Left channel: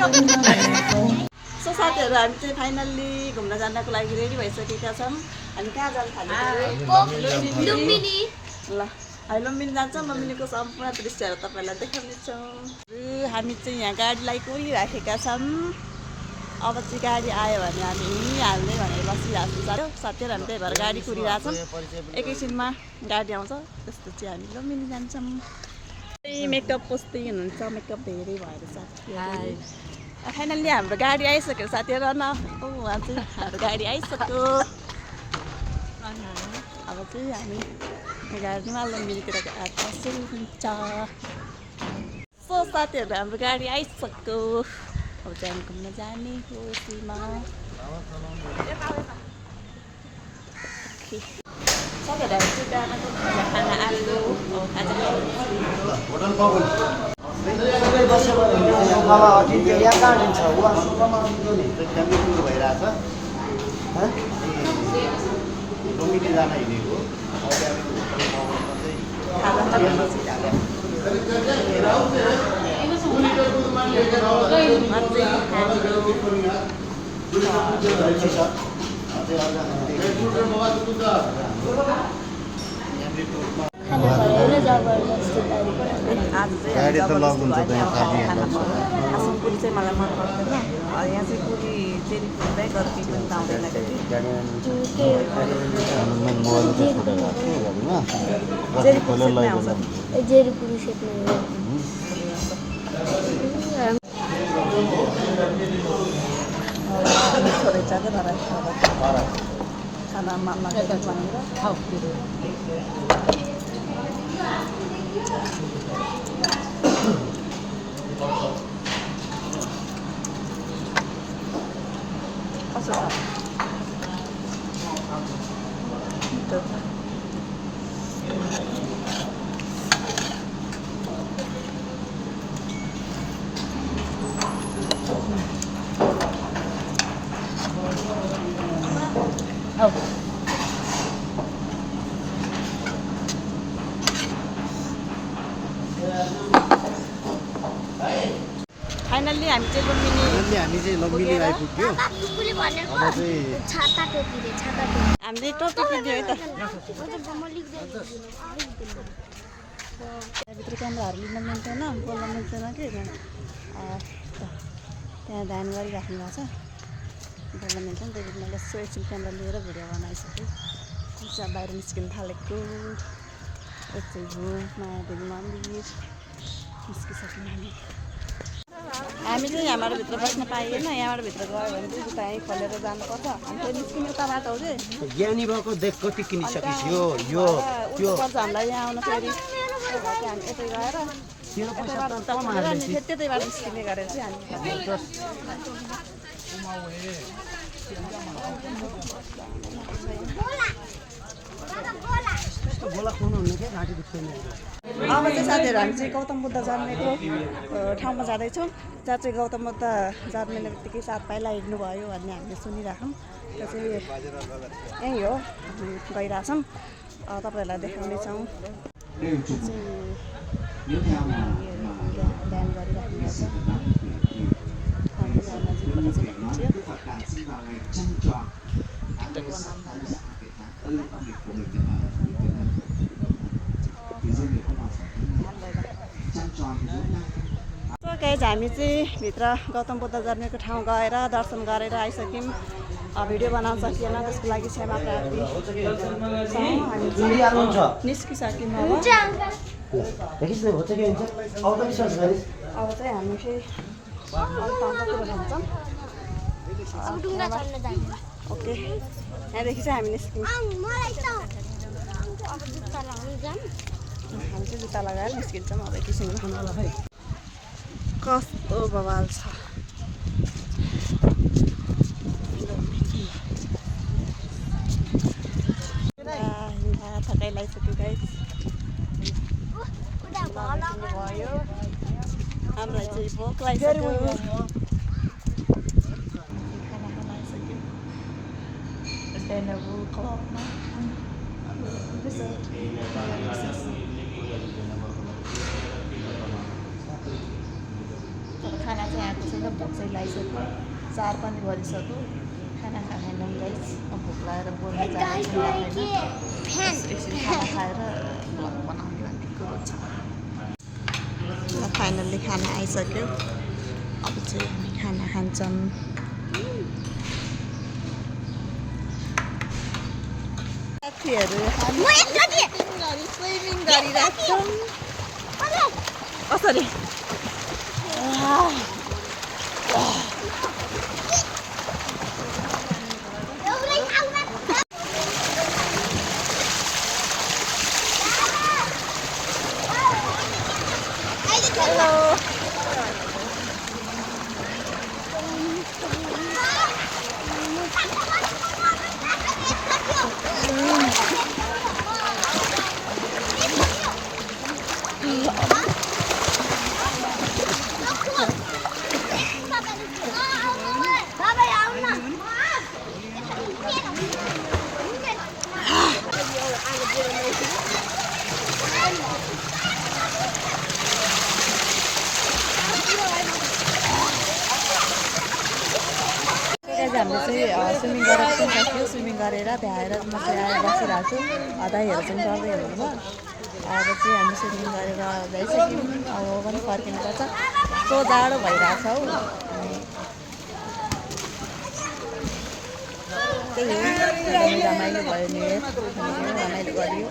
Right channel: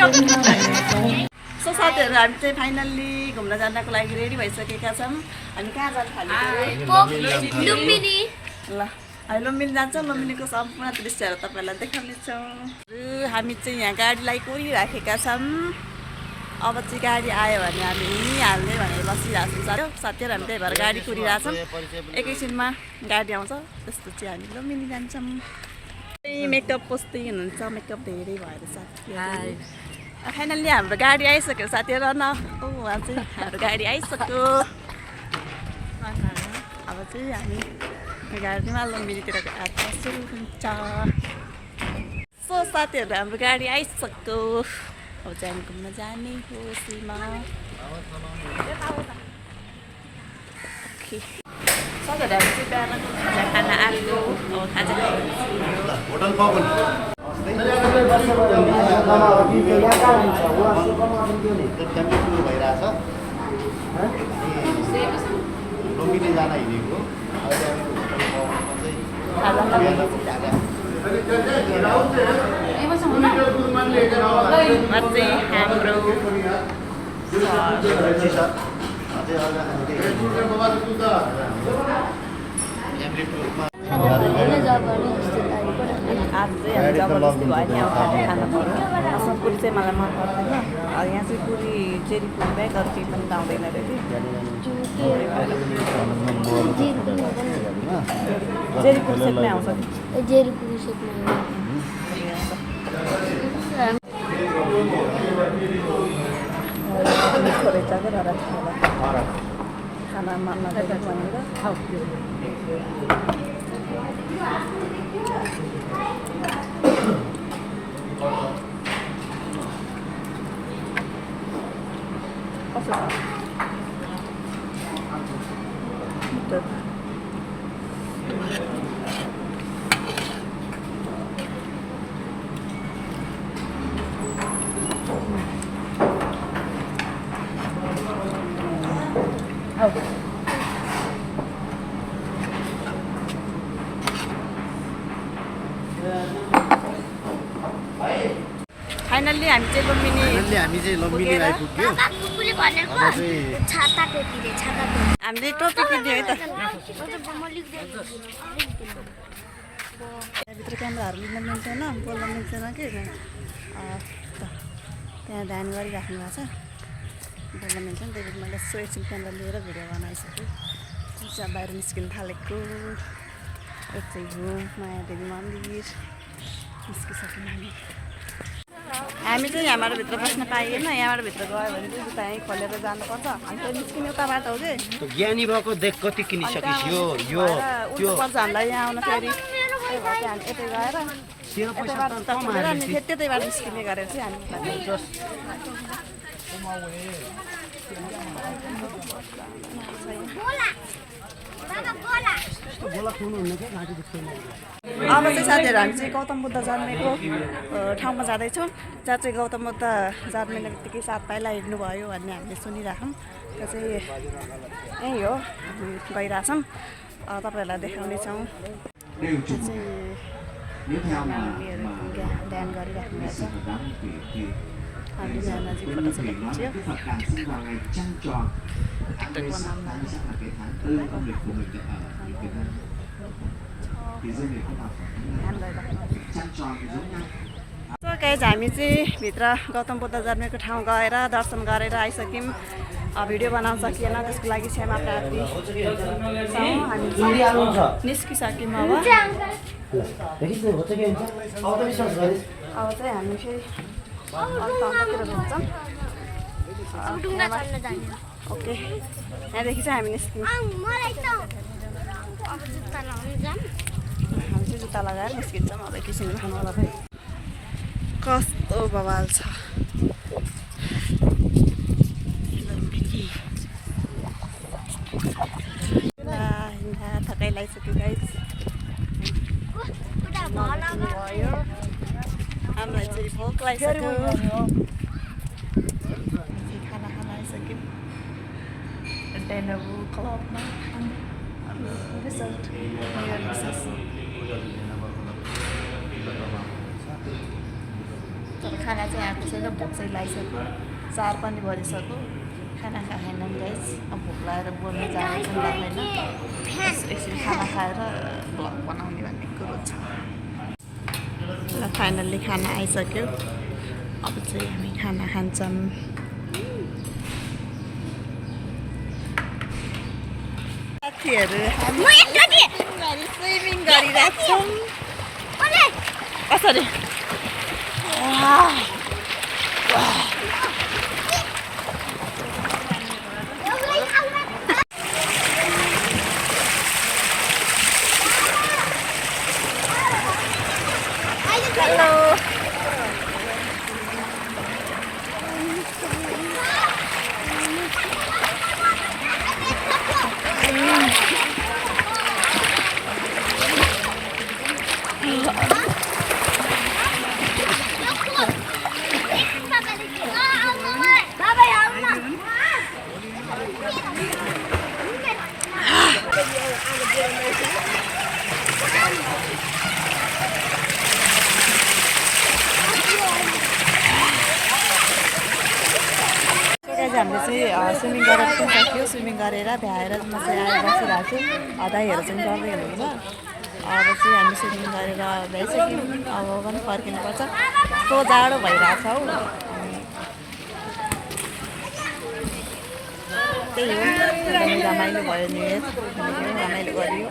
So साथीहरू हामी चाहिँ फाइनल्ली घुम्न जानको लागि रेडी भइसकेका छौँ। हामी कहाँ जानु थालेको लुम्बिनी ल हामी लुम्बिनी जान्छौँ। लुम्बिनीको सम्पूर्ण दृश्यहरू तपाईँहरूलाई देखाउनेछौँ। हामी चाहिँ यहाँ गाडीलाई कोरिराखेका छौँ। अब चाहिँ गाडी आयो भने हामी हिँडिहाल्ने भनेर बसिरहेको छौँ साथीहरू। हामी त्यही भएर गाडी कुरिरहेछौँ। एकैछिनमा गाडी आउँछ त्यसपछि हामी लुम्बिनी जान्छौँ। मेकअप पोस्दै हुनुहुन्छ। मेकअप धेरै भएर साथीहरू फाइनल्ली हाम्रो गाडी आइसक्यो साथीहरू। न उहाँ चाहिँ हाम्रो गाडी आइसक्यो। अब चाहिँ हामी गाडीमा लुम्बिनीतिर आएको सुरु हुन्छ। सो साथीहरू हाम्रो गाडी आइसक्यो। अब चाहिँ हामी घुम्न जाने हो सीमा। साथीहरू हामी चाहिँ बिहान खाना आलु अब खाजा लुम्बिनी जान हिँडेको आज चाहिँ हामी जबरजस्ती भयो नि अब खाजा खान पर्यो। खासमा पुरी चाहिँ मलाई मन पर्दैन। यहाँ चाहिँ पुरी जेरी पुरी बाहेक अरू केही पनि आउँदैन अरे कि जेरी पुरी सेटमै आउँछ नि। जेरी पुरी सेटमै मिठो रहेछ क्या तर खाना मन नगएको भनेर कसो छ फाइनल्ली हामी चाहिँ लुम्बिनी आइपुग्यो। कुकुरले भनेको छाता टोपी रे छाता टोपी हामीले टोपी किन्यो है त। त्यहाँभित्र क्यामेराहरू लिन मिल्दैन बोल्न मिल्दैन कि त्यहाँ ध्यान गरिराख्नु भएको छ बोल्न मिल्छ नि। त्यही मैले एकछिन क्यामेरा लिएर भिडियो बनाइसकेँ। चाहिँ बाहिर निस्किन थालेको यतै हो मायादेवी मन्दिर निस्किसक्यौँ हामी चाहिँ यहाँबाट भित्र बस्न पाइएन। यहाँबाट भित्र गयो भने चाहिँ जुत्ता यहीँ खोलेर जानुपर्छ। अनि त्यो निस्किने उता बाटो हो कि ज्ञानी भएको देख कति किनिसकेपछि उल्टो पर्छ हामीलाई यहाँ आउन फेरि। त्यही भएर चाहिँ हामी यतै गएर त्यतैबाट निस्किने गरेर चाहिँ हामी अब चाहिँ साथीहरू हामी चाहिँ गौतम बुद्ध जन्मेको ठाउँमा जाँदैछौँ। जहाँ चाहिँ गौतम बुद्ध जन्मिने बित्तिकै 7 पाइला हिँड्नुभयो भन्ने हामीले सुनिरहेछौँ। त्यो चाहिँ यहीँ हो हामी गइरहेछौँ। तपाईँहरूलाई देखाउनेछौँ। ध्यान गरिराख्नु भएको छ। हामी यहाँ नजिक फोटोसोटो खिच्यो। टिकटक बनाउनु सो गाइज हामी चाहिँ भित्र गौतम बुद्ध जन्मेको ठाउँ गएर दर्शन गरेर आइसक्यौँ। भिडियो बनाउन सकिएन त्यसको लागि क्षमा प्रार्थी छौँ। हामी निस्किसक्यौँ। अब चाहिँ हामी फेरि ठाउँतिर घुम्छौँ। ओके यहाँदेखि चाहिँ हामी निस्क्यौँ। हामी चाहिँ जुत्ता लगाएर निस्किन्छौँ। अब एकैछिनमा कस्तो बवाल छ। थकाइ लगाइसक्यो गाइस। हामीलाई चाहिँ भोक लगाइसक्यो। खाना आइसक्यो। डेनबु क्लबमा खाना चाहिँ आएको छैन भोक चाहिँ लगाइसक्यो 4 पनि बजिसक्यो खाना खाएन गाइस भोक लागेर बोल्न जाने छैन एकछिन खाना खाएर भ्लग बनाउने भन्ने कुरो छ र फाइनल्ली खाना आइसक्यो अब चाहिँ हामी खाना खान्छौँ साथीहरू हामी स्विमिङ गरिरहेको छौँ कसरी हेलो हामीले चाहिँ स्विमिङ गरेर पनि सक्यो स्विमिङ गरेर भ्याएर म चाहिँ आएर बसिरहेको छु दाइहरू चाहिँ गर्दै हुनुहुन्छ अब चाहिँ हामी स्विमिङ गरेर भ्याइसक्यौँ अब पनि फर्किनुपर्छ कस्तो जाडो भइरहेछ हौ अनि त्यही हो एकदमै रमाइलो भयो नि रमाइलो गरियो